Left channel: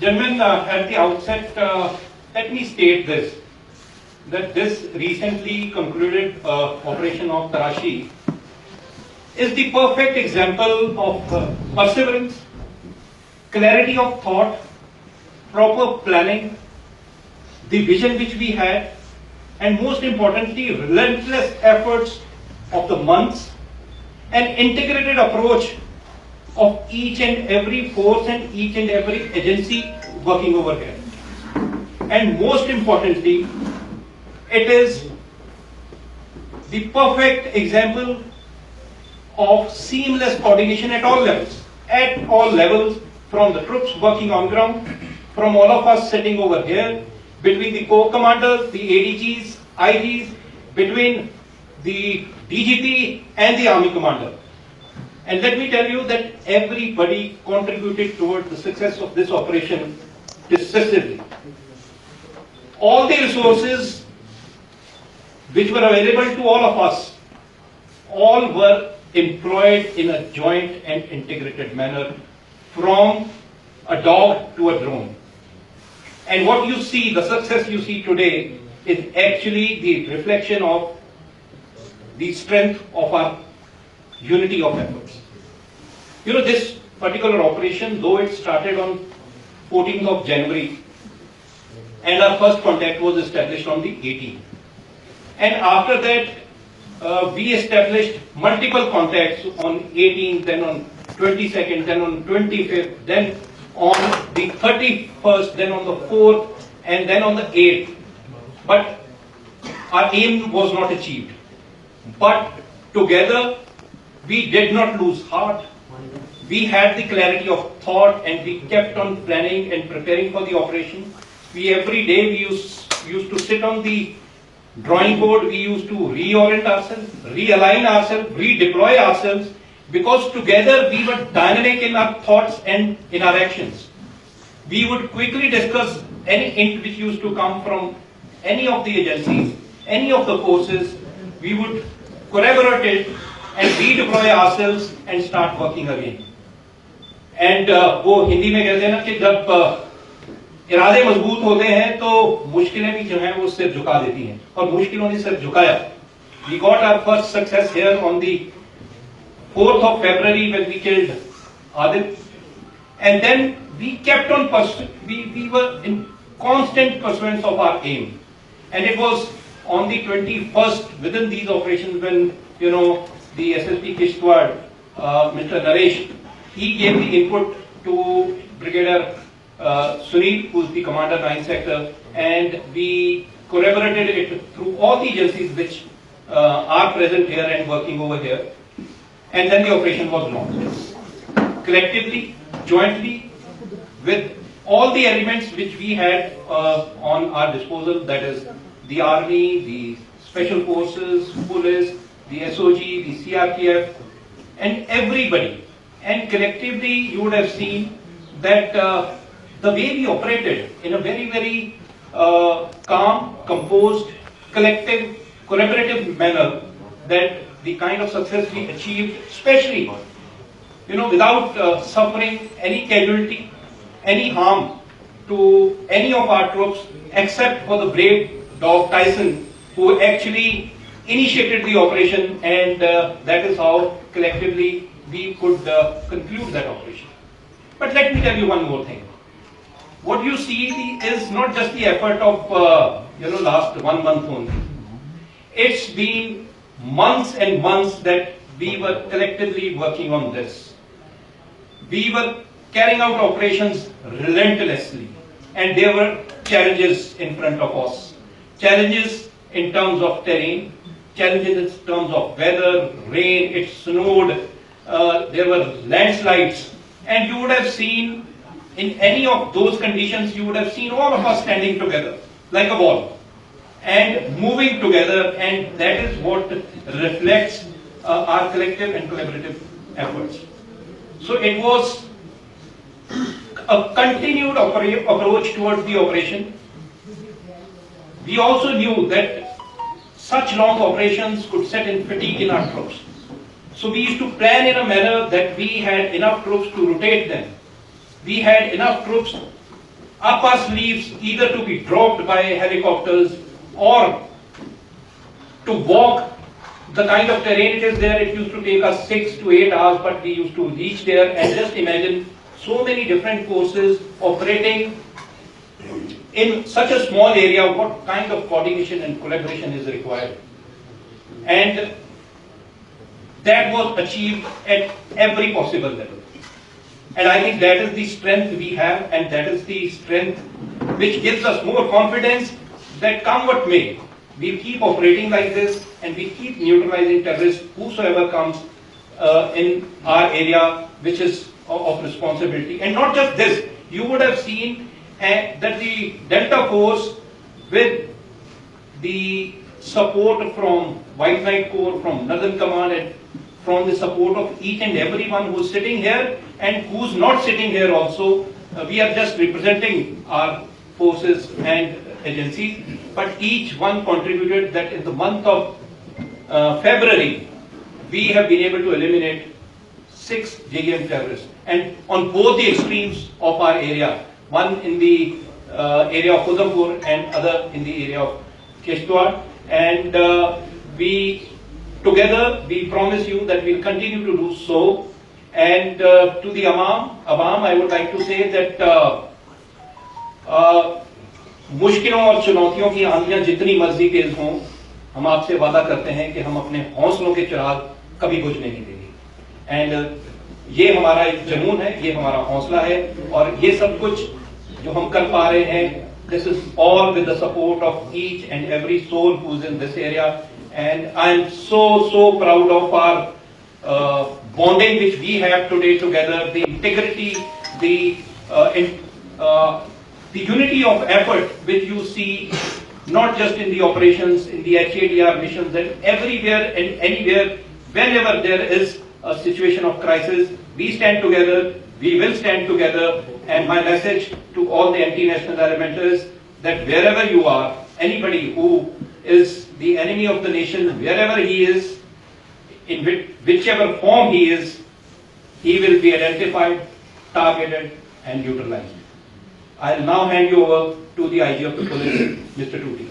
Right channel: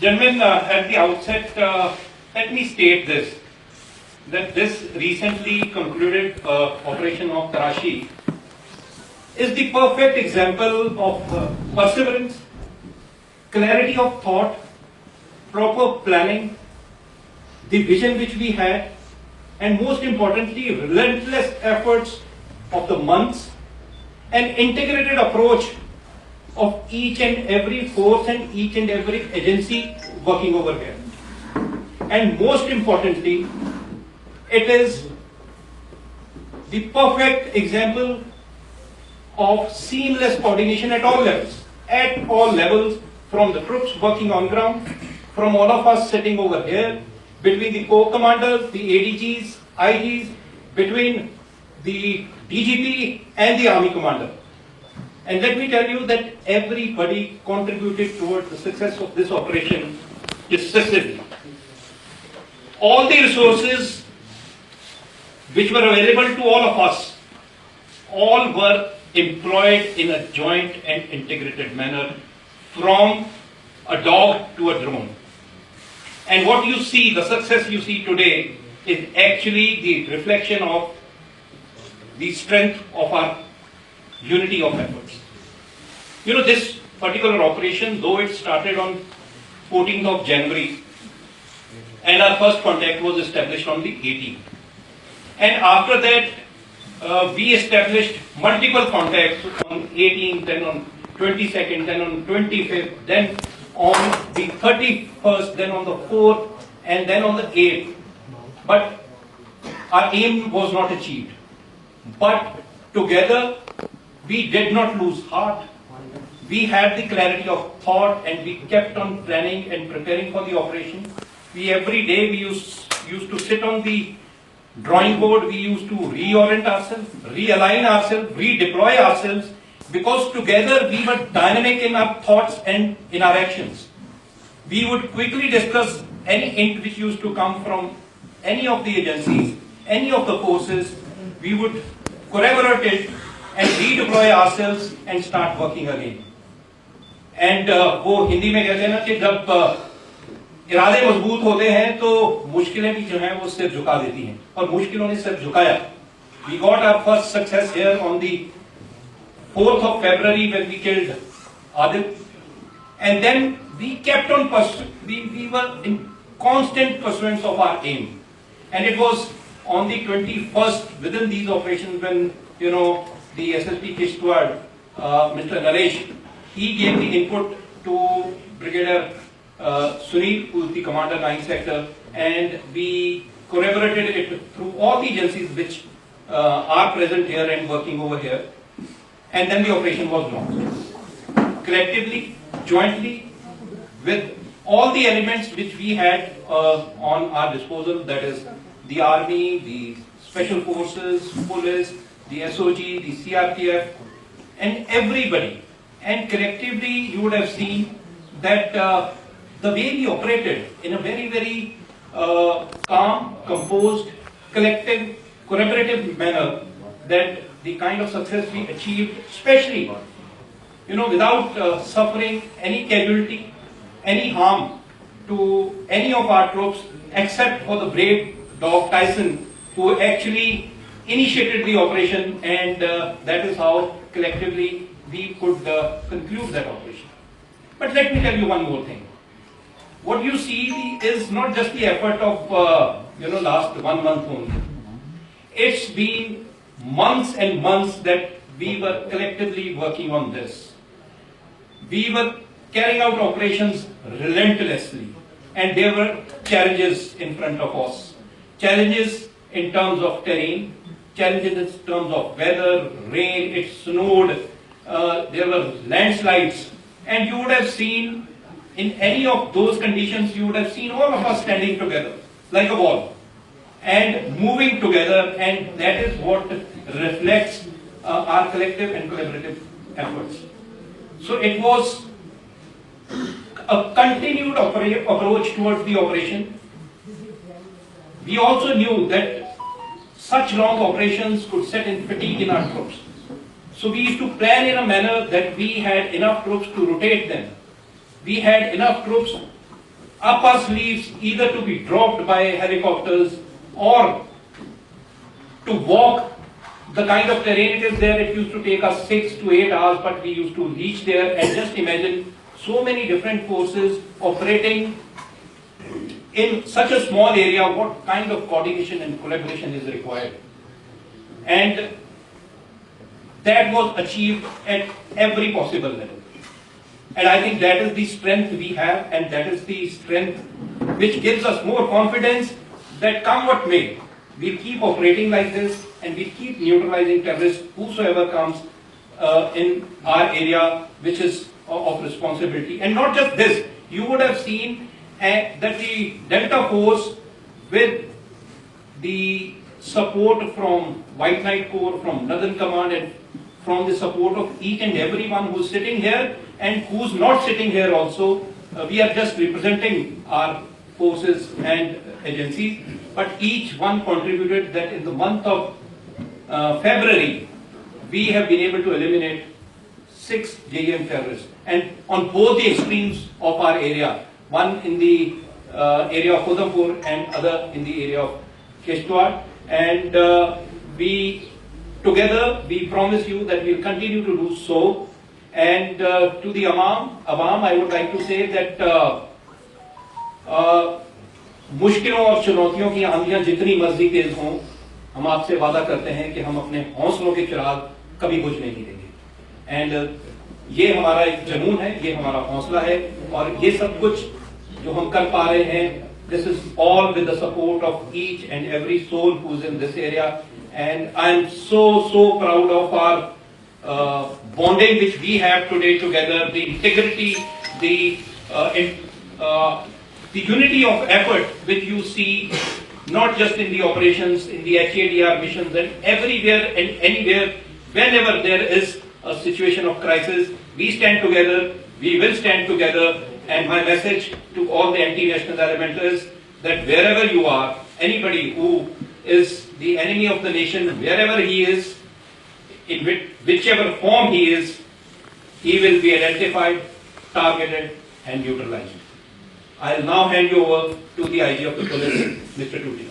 Gentlemen, at the outset, let me state this, that this recently concluded operation of Tarashi is the perfect example of perseverance, clarity of thought, proper planning, the vision which we had, and most importantly, relentless efforts of the months, an integrated approach of each and every force and each and every agency working over here. And most importantly, it is the perfect example of seamless coordination at all levels, from the troops working on ground, from all of us sitting over here, between the corps commanders, the ADGs, IGs, between the DGP and the army commander. And let me tell you that everybody contributed towards the success of this operation decisively. All the resources which were available to all of us, all were employed in a joint and integrated manner, from a dog to a drone. And what you see, the success you see today, is actually the reflection of the strength of our unity of efforts. You know, this particular operation, though it started on 14th of January, and our first contact was established on the 18th. And after that, we established multiple contacts on 18th, then on 22nd, then on 25th, then on the 31st, then on the 4th, and then on the 8th. But our aim was not achieved. But together, we did not lose heart. We had the clarity of thought, and we kept on planning and preparing for the operation. Every day we used to sit on the drawing board. We used to reorient ourselves, realign ourselves, redeploy ourselves, because together we were dynamic in our thoughts and in our actions. We would quickly discuss any hint which used to come from any of the agencies, any of the forces. We would collaborate it and redeploy ourselves and start working again. And वो हिंदी में कहते हैं ना कि जब इरादे मजबूत होते हैं तो मुश्किलें भी जो हैं वो सिर झुका देती हैं, और मुश्किलों ने सिर झुकाया. We got our first success here on the 4th of February when we killed Adit, and then we kept on we were in constant pursuance of our aim. And it was on the 21st within these operations when, you know, the SSP Kishtwar, Mr. Naresh, he gave the input to Brigadier Sunil, who is the commander 9th sector, and we collaborated it through all the agencies which are present here and working over here. And then the operation was launched. Collectively, jointly, with all the elements which we had on our disposal, that is the army, the special forces, police, the SOG, the CRPF, and everybody. And collectively, you would have seen that the way we operated in a very, very calm, composed, collective, collaborative manner, that the kind of success we achieved, especially, you know, without suffering any casualty, any harm to any of our troops, except for the brave dog Tyson, who actually initiated the operation, and that is how collectively we could conclude that operation. But let me tell you one more thing. What you see is not just the effort of last 1 month only. It's been months and months that we were collectively working on this. We were carrying out operations relentlessly, and there were challenges in front of us. Challenges in terms of terrain, challenges in terms of weather, rain, it snowed, there were landslides, and you would have seen in any of those conditions, you would have seen all of us standing together like a wall and moving together, and that is what reflects our collective and collaborative efforts. So it was a continued approach towards the operation. We also knew that such long operations could set in fatigue in our troops. So we used to plan in a manner that we had enough troops to rotate them. We had enough troops up our sleeves either to be dropped by helicopters or to walk the kind of terrain it is there. It used to take us 6 to 8 hours, but we used to reach there. And just imagine so many different forces operating in such a small area, what kind of coordination and collaboration is required. And that was achieved at every possible level. And I think that is the strength we have, and that is the strength which gives us more confidence that come what may, we'll keep operating like this and we keep neutralizing terrorists, whosoever comes in our area, which is of responsibility. And not just this, you would have seen that the Delta Force, with the support from White Knight Corps, from Northern Command, and from the support of each and everyone who's sitting here and who's not sitting here also, we are just representing our forces and agencies, but each one contributed that in the month of February, we have been able to eliminate 6 JEM terrorists, and on both the extremes of our area, one in the area of Udhampur and other in the area of Kishtwar. And we promise you that we'll continue to do so. And to the Awam, I would like to say that मुश्किलों और चुनौतियों की आंधियां जितनी मर्जी तेज हों, हम आपसे वादा करते हैं कि हम अपने हौसलों के चिराग कभी बुझने नहीं देंगे. एंड ये हमारा एक जुनून है, ये हमारा हौसला है, और ये सब कुछ जो हम कर पा रहे हैं, this is all with the support of each and every soul who's in this area. And I'm so proud of our bonding which we have today together, the integrity, the unity of effort which you see not just in the operations, in the HADR missions, and everywhere and anywhere, whenever there is a situation of crisis, we stand together, we will stand together. And my message to all the anti-national element is that wherever you are, anybody who is the enemy of the nation, wherever he is, in whichever form he is, he will be identified, targeted, and neutralized. I'll now hand you over to the IG of the police, Mr. Tuti.